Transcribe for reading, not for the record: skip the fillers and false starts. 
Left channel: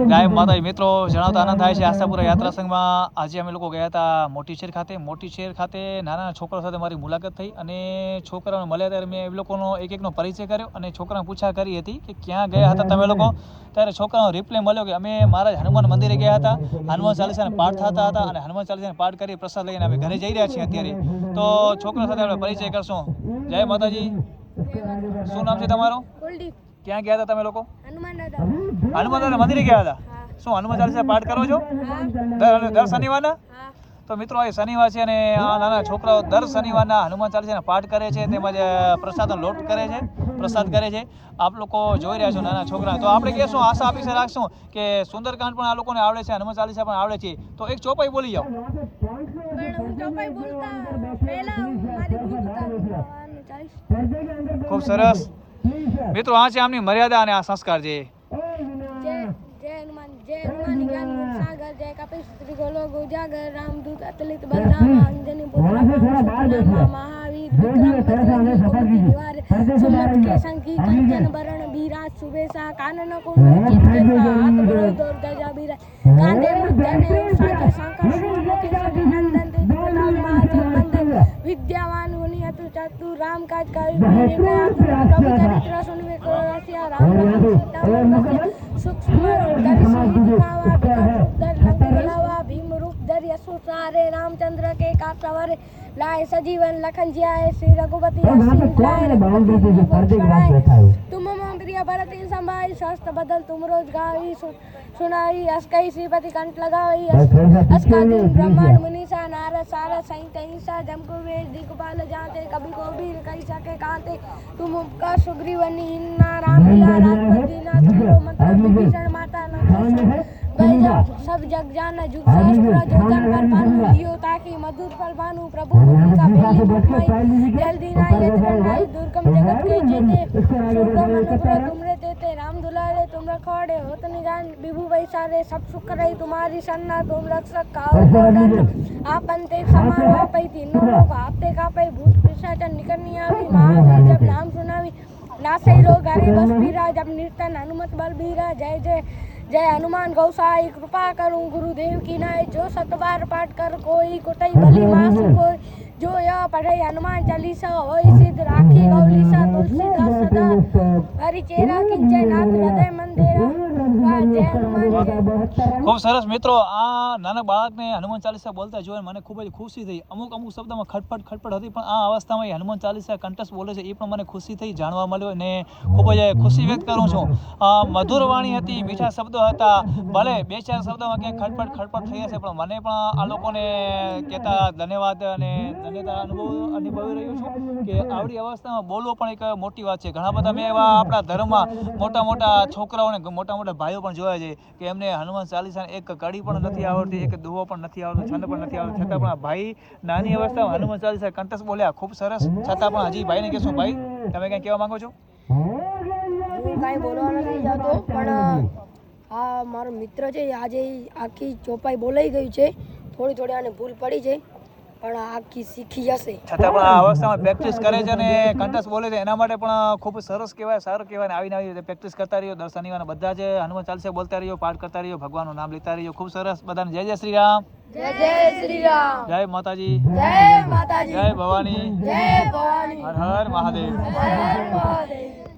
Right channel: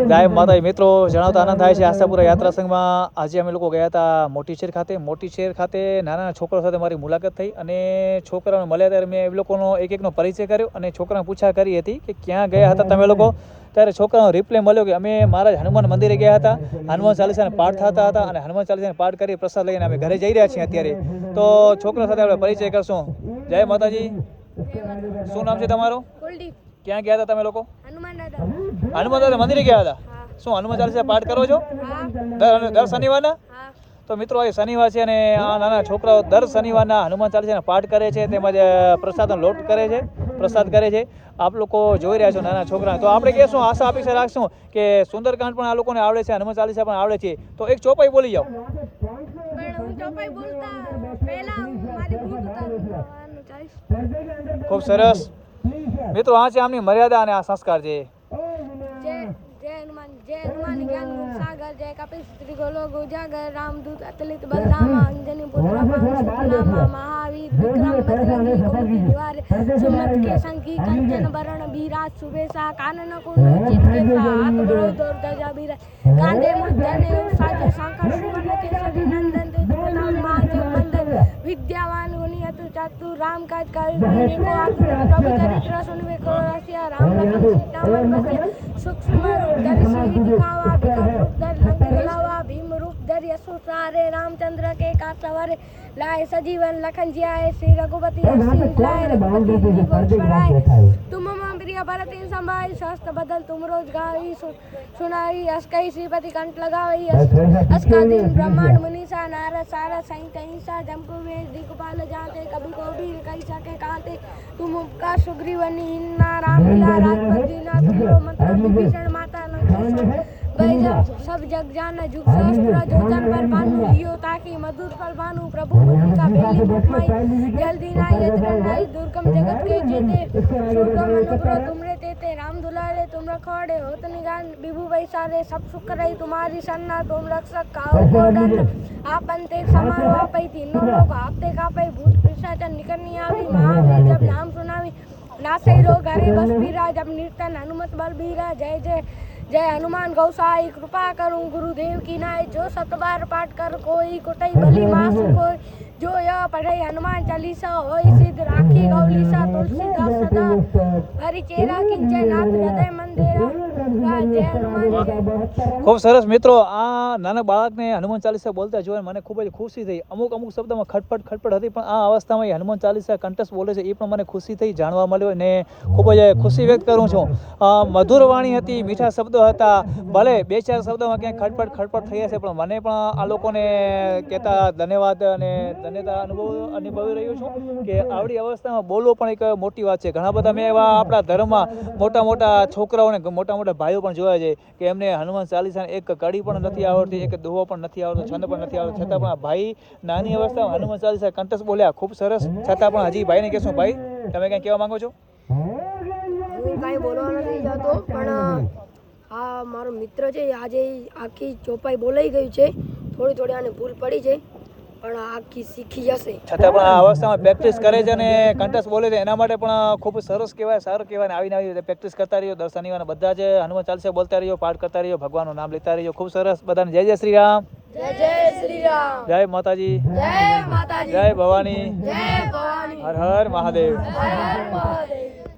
જય માતાજી મિત્રો, જણાવતા આનંદ થાય છે. આશાપુરા યાત્રા સંઘમાં આજે અમે લોકો ગયા હતા મોટી શેર ખાતે નાના છોકરાઓ સાથે મારી મુલાકાત થઈ અને છોકરાઓને મળ્યા ત્યારે મેં એ લોકોનો એકનો પરિચય કર્યો અને છોકરાને પૂછા કરી હતી કે ક્યાં ગયા હતા તમે લોકો. ત્યારે છોકરાનો રિપ્લાય મળ્યો કે અમે મહારાજ હનુમાન મંદિરે ગયા હતા, હનુમાન ચાલીસાના પાઠ થતા હતા અને હનુમાન ચાલીસાના પાઠ કરી પ્રસાદ લઈને અમે ઘરે જઈ રહ્યા છીએ અત્યારે. તો છોકરા સાથે આપણે પરિચય કરશું. જય માતાજી. શું નામ છે તમારું? ક્યાં ગયા હતા તમે લોકો? હનુમાન દાદા મંદિરે ગયા હતા. શું હનુમાન ચાલીસા પાઠ કરો છો દર શનિવારના? તો મિત્રો આ શનિવાર છે અને આ નાના છોકરાઓ દર શનિવારના હનુમાન ચાલીસાના પાઠ કરે છે, તેમજ પ્રસાદનો લોટ કરે છે, પ્રસાદ કરે છે. આપ લોકો જોઈ રહ્યા છો નાના છોકરા. તો આપણે કહેશું, આશા અપેક્ષા રાખશું કે સુંદરકાંડ પણ આ લોકોને આવડે છે, હનુમાન ચાલીસા પણ આવડે છે. તો એક ચોપાઈ બોલી જાઓ. ખૂબ સરસ મિત્રો, આ છે આમની મર્યાદા અને આ સંસ્કાર છે. जय हनुमान ज्ञान गुण सागर, जय कपिल त्रिगोलो गोजागर, रामदूत अतुलित बलरामा, अंजनी पुत्र पवन सुतनामा, महावीर विक्रम बजरंगी कुमति निवार, सुमत के संगी कंचन बरण बीराज सुबेसा, कानन कुंडल चितकेसा, हाथ बड़ो दौर ध्वजा बीराज, कांधे मुझ जने साजे सांकर सुवर्ण केसरी नंदन, तेज प्रताप महाजगवंदन, विद्यावान गुणी अतुल चातुर, राम काज कर को आतुर, प्रभु चरित्र सुनवे को रसिया, राम लखन सीता मन बसिया, सूक्ष्म रूप धरि सिंह दिखावा, विकट रूप धरि लंक जलावा, भीम रूप धरि असुर संहारे, रामचंद्र के काज सवारे, लाए सजीवन लखन जियाए, श्री रघुपति हर्षि लाए, रघुपति दीपक बढ़ाए, तुम मम प्रिय भरत समाई, सहस्त्र बदल तुम रोज गाई, सुनाई अस कई श्रीपति कंठ लगाई, अस का दिन ब्रह्मांड मुनीसा, नारद सारद सहित अहिंसा, जम को वेद दिगपाल जाते, कभी को भी कही सके कांते, तुम उपकार सुग्रीवनी हिन्ना, राम मिला राजपत दीना, तुमरो मंत्र विभीषण माता लंकेश्वर, सब जग जाना जुग सहस्त्र, जो जन पर भानु लियो ताकि मधुर फल भानु, प्रभु मुद्रिका बेली मुखमाई, जल्दी नाई यत्नाई, दुर्गम जगत के जेते, सुगम अनुग्रह तुमरे तेते, राम दुलारे तुम रखवाड़े, होत निगान विभु वैसारे, सब सुख रही तुम्हारी सन्ना, तुम रक्षक काहू को डर, आपन ते समारो आपै, तीनों लोग आपते कापै, भूत पिशाच निकट नहीं आवी, महावीर जब नाम सुनावी, नासे रोग हरे बस पीरा, जब निर्तन हनुमत बल बीरा, जय जय जय हनुमान गौसाई, कृपा करूं गुरुदेव की नाय, जो सतबार पाठ कर कोई कुटई बलि मास कोई, जो यह पढ़े हनुमान चालीसा होई सिद्ध, राखी गौलीसा तुलसीदास सदा, हरि चेरा किंचय नाथ हृदय मंदिरा, जय हनुमान जय। ખૂબ સરસ મિત્રો, આ નાના બાળકને હનુમાન ચાલીસા બોલતા જોઈને મને ખૂબ જ ખુશી થઈ. અમુક શબ્દમાં ખટપટ હતી, પણ આ અવસ્થામાં એ હનુમાન ચાલીસા કંઠસ્થ બોલે છે, એ પણ મને ખુશી થઈ, જાણવા મળ્યો અને ખૂબ જ ખુશી વ્યક્ત કરું છું. મધુર વાણી હતી, મીઠા શબ્દો હતા, ભલે બે ચાર શબ્દોમાં ક્યાંક ખટપટ થઈ હશે, પણ મને પણ આ લોકોને કહેતા ધન્યવાદ અને ધન્યતા અનુભવી રહ્યો છું કે આવડી અવસ્થામાં બોલવું પણ એક મોટી વાત છે. ઘણા બધા મેં એવા આપણા ધર્મમાં મોટા છોકરાઓને મોટા ભાઈઓ પણ જોયા છે કે એમને હનુમાન ચાલીસા એક કડી પણ નથી આવડતી, એક દુહો પણ નથી આવડતો, છંદ પણ નથી આવડતો, છતાં પણ આ ભાઈ નાની અવસ્થામાં હનુમાન ચાલીસા કંઠસ્થ બોલ્યા. ખૂબ સરસ. છતાં પણ હજી ભાઈને કહેશું, ભાઈ તમે કંઈ કહેવા માંગો છો? હું કાંઈ બોલવા નથી જતો, પણ આ મારો મિત્ર છે, આજે આખી ચોપાઈ બોલાઈ ગયું છે, થોડી આને ભૂલ પડી છે, પણ આખી શીખી જશે. છતાં પણ આ અવસ્થામાં પ્રેક્ટિસ કરે છે અને કંઠસ્થ બોલે છે, એના માટે પણ ખૂબ સરસ કહેવાય, સારું કહેવાય. આવીને પ્રેક્ટિસ કરતા રહ્યો, દર શનિવારના બધા જ હનુમાન ચાલીસા બોલતા રહ્યો, પાઠ કરતા રહ્યો, ભગવાનનું નામ લેતા રહ્યો. ખૂબ સરસ. બધાને જય શ્રી રામ. જય શ્રી રામ. જય માતાજી. જય માતાજી. જય ભવાની. જય ભવાની. હર હર મહાદેવ. હર હર મહાદેવ.